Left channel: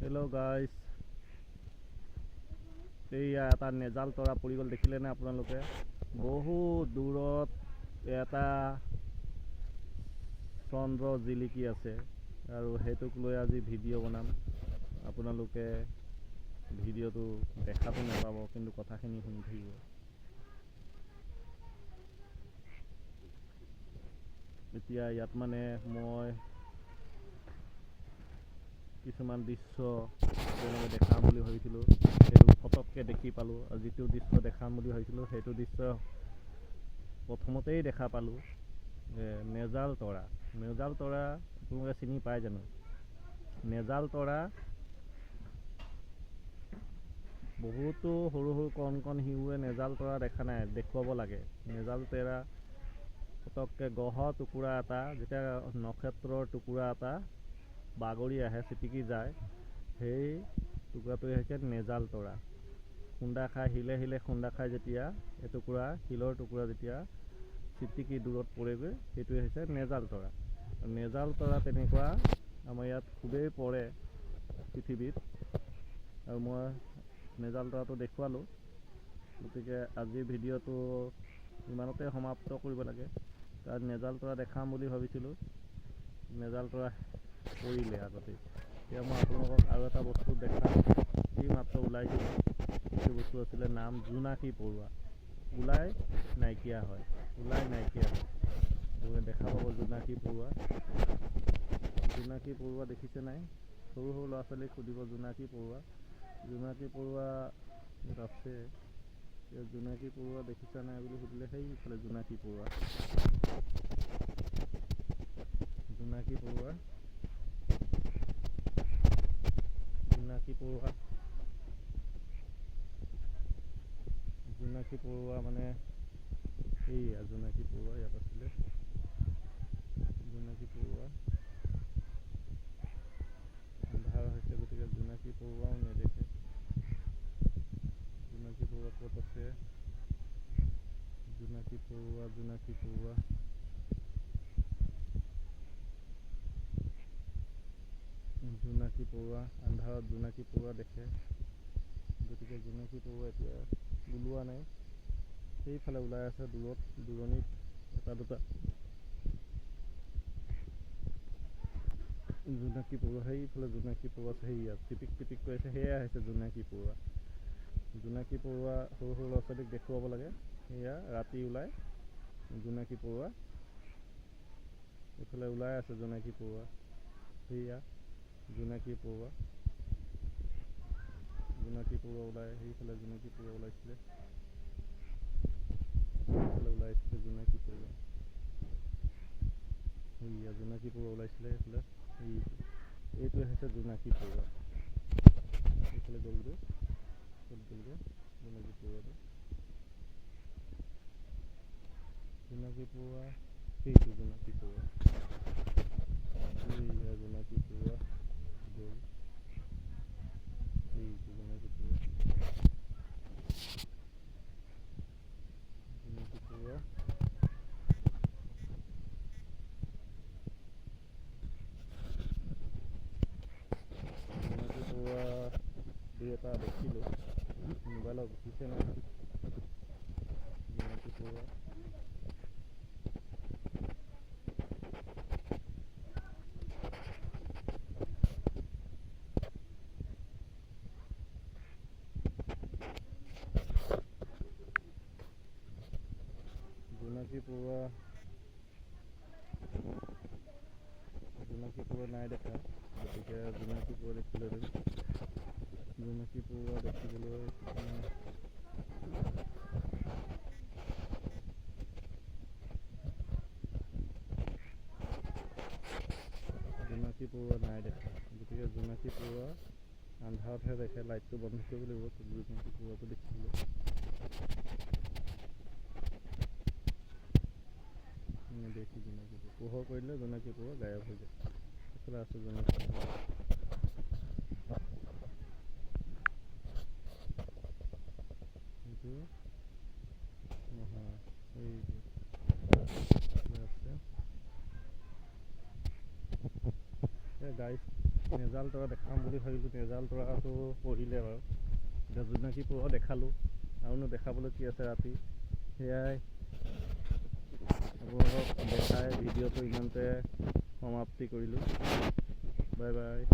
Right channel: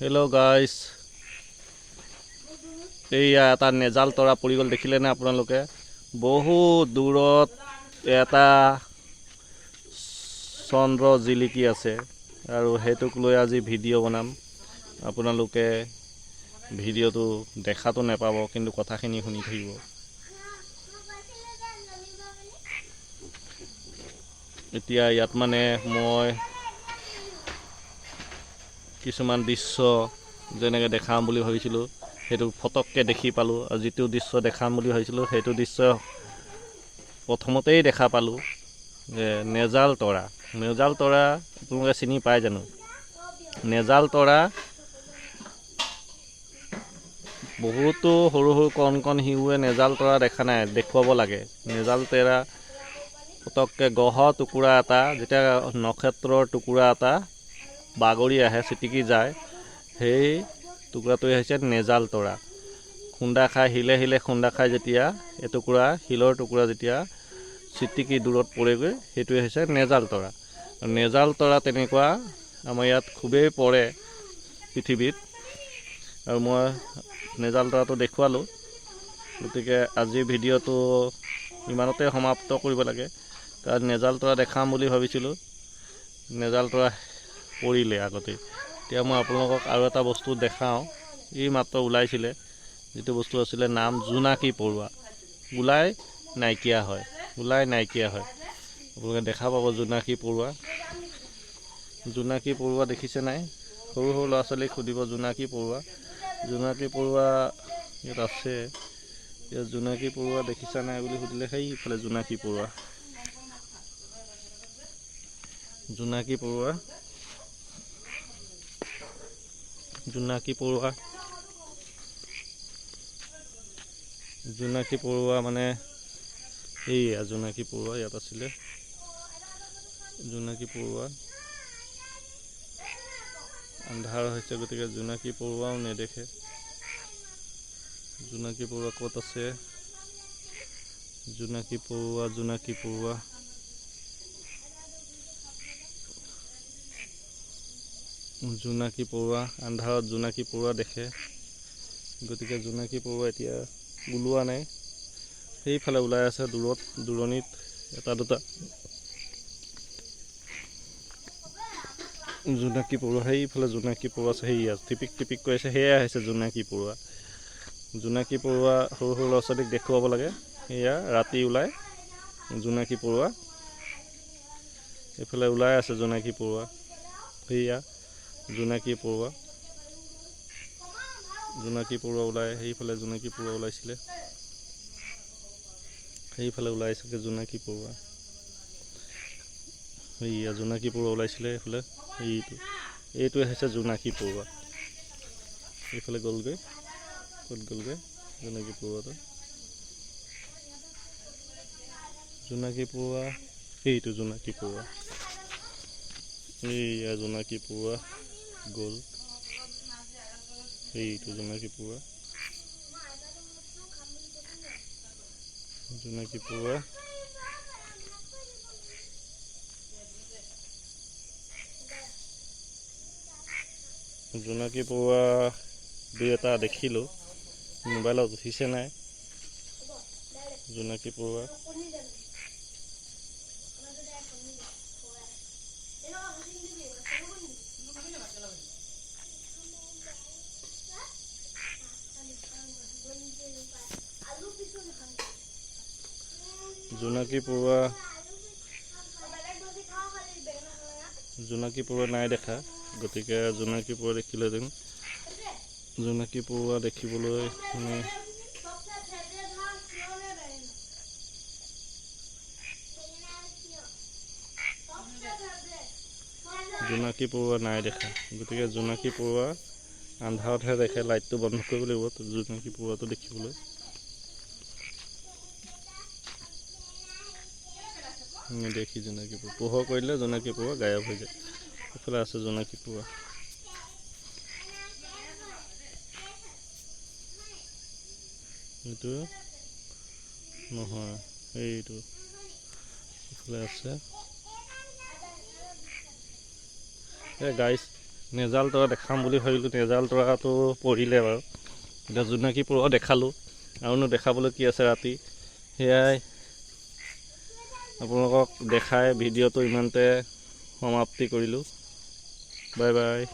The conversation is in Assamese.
হেল্ল' গাইজ, এইয়া এটা নেজাল তৰা পৰি গ'ল, দেখিলেনে আপোনালোকে? বহুত দূৰত এটা চন্দ্ৰ জিলিকি আছে আৰু সেইটোক লৈ আজি ভিডিঅ' বনাম। আপোনালোকে ভিডিঅ'টো দেখাতো নাপাব, কিন্তু কথাখিনি শুনি থাকিব। এতিয়া ইয়াত মানে মই কিছুমান দৃশ্য যেনেকৈ দেখাম বুলি ভাবিছিলোঁ, সেইটো ফটককৈ দেখি পালোঁ। আৰু যিটো দৃশ্য দেখাম বুলি ভাবিছিলোঁ, সেইটো দৃশ্য প্ৰথমতেই দেখা পালোঁ যে নেজাল তৰা। নেজাল তৰা আপোনালোকে চিনি পায় জানো? নেজাল তৰা বহুতো সৰু সৰু কণ কণ শিশুৱে নেজাল তৰা দেখা নাই, দেখুৱাব লাগে। নেজাল তৰা পটককৈ গ্ৰহৰ টুকুৰা এটা, যেতিয়া নক্ষত্ৰৰ টুকুৰা এটা বাগৰি আহে, চিটিকি যায়, সেই টুকুৰাটোৱে হৈছে নেজাল তৰা। খুন্দা খাই শিলে শিলে খুন্দা খাই যেতিয়া এটুকুৰা শিলৰ টুকুৰা যেতিয়া চিটিকি দূৰত পৰেগৈ, সেইটোৱে হৈছে নেজাল তৰা। নেজাল তৰা তেনেকুৱা আমাৰ ইয়াত খুবেই পৰে পৃথিৱীত, আৰু মই নেজাল তৰাটো দেখুৱালোঁ। গতিকে আজিৰ ভিডিঅ'টো ইমানতে সমাপ্ত কৰিব লাগে, কাৰণ নেজাল তৰা দেখাম বুলি ভাবিছিলোঁ, নেজাল তৰা পৰিলে আগতেই। এতিয়া মই আপোনালোকক আৰু এটা বস্তু দেখাওঁ, এই মাত্ৰ ওলাইছিলে। এইটো বস্তু আছিলে নাম জোনাকী পৰুৱা। ওলাই নাইকিয়া হয়। আপোনালোকে দেখা পাব জোনাকী পৰুৱা। জোনাকী পৰুৱা দেখিছে নাই? সৰু সৰু ল'ৰা ছোৱালীক সুধিব জোনাকী পৰুৱা। জোনাকী পৰুৱা ইয়াত আছে। ইয়াত জোনাকী পৰুৱা দেখিছা নাই বুলি সুধিলে সেইফালে জোনাকী পৰুৱা। জোনাকী পৰুৱা, জোনাকী পৰুৱা, জোনাকী পৰুৱা মানে এইয়া জোনাকী পৰুৱা ইয়াত আছিলে। জোনাকী পৰুৱা আন্ধাৰ হৈছে, গতিকে জোনাকী পৰুৱাও নেদেখে। জোনাকী পৰুৱা ক'ত আছে? জোনাকী পৰুৱা, জোনাকী পৰুৱা, জোনাকী পৰুৱা। আন্ধাৰত জোনাকী পৰুৱা দেখে, গতিকে জোনাকী পৰুৱা এতিয়া ওলোৱা নাই। সেইফালে ওলাই আছে দূৰণিত এটা দুটা জোনাকী পৰুৱা। সেইফালে জোনাকী পৰুৱা আছে, সেয়া টিপিক টিপিক কৰি আছে, সেয়াই হৈছে জোনাকী পৰুৱা। জোনাকী পৰুৱা সৰু সৰু ল'ৰা ছোৱালীক দেখুৱাব লাগে। সেয়া ৰাতি ওলাই জোনাকী পৰুৱা। এইফালে ওলাই আছে জোনাকী পৰুৱা, সেয়া জোনাকী পৰুৱা। জোনাকী পৰুৱা ওলাই, সেইফালে জোনাকী পৰুৱা ওলাইছিলে, সেইফালে ওলাইছিলে জোনাকী পৰুৱা। সেয়া জোনাকী পৰুৱা ওলাইছিলে সেইফালে। এইটোৱে হৈছে জোনাকী পৰুৱা। এইফালে গ'লগৈ, ক'ত গ'লগৈ জোনাকী পৰুৱাটো? জোনাকী পৰুৱা, সেইটো জোনাকী পৰুৱা। এইয়া জোনাকী পৰুৱা গ'ল, সেইটো জোনাকী পৰুৱা। জোনাকী পৰুৱা, জোনাকী পৰুৱা দুই এটা দেখিলোঁ, মোবাইলত উঠিছে নাই জোনাকী পৰুৱা। জোনাকী পৰুৱা, জোনাকী পৰুৱা নাই দেখা, গতিকে জোনাকী পৰুৱা দেখিলেহেঁতেন। জোনাকী পৰুৱা দেখিবলৈ মানে জোনাকী পৰুৱা নাই দেখা, গতিকে জোনাকী পৰুৱা আন্ধাৰতহে দেখে। লাইটটো বন্ধ কৰিব লাগিব জোনাকী পৰুৱাটো দেখিবলৈ। নেদেখি জোনাকী পৰুৱা, পোহৰ কৰিলে জোনাকী পৰুৱা গায়ব হৈ যায়। এইফালে আছে জোনাকী পৰুৱা। এইটো নহয়, এইটো এইফালে আছে। গাইজ, নেজাল তৰা দেখাম বুলি ভাবিলোঁ, নেজাল তৰাটো পৰিলে বাৰু। এতিয়া জোনাকী পৰুৱা দেখালোঁ, আৰুনো দেখাবলৈ কি আছে ৰাতি। সেয়াই আপোনালোকক দেখাই ভিডিঅ'টো ইমানতে সমাপ্তি কৰিলোঁ। Bye bye.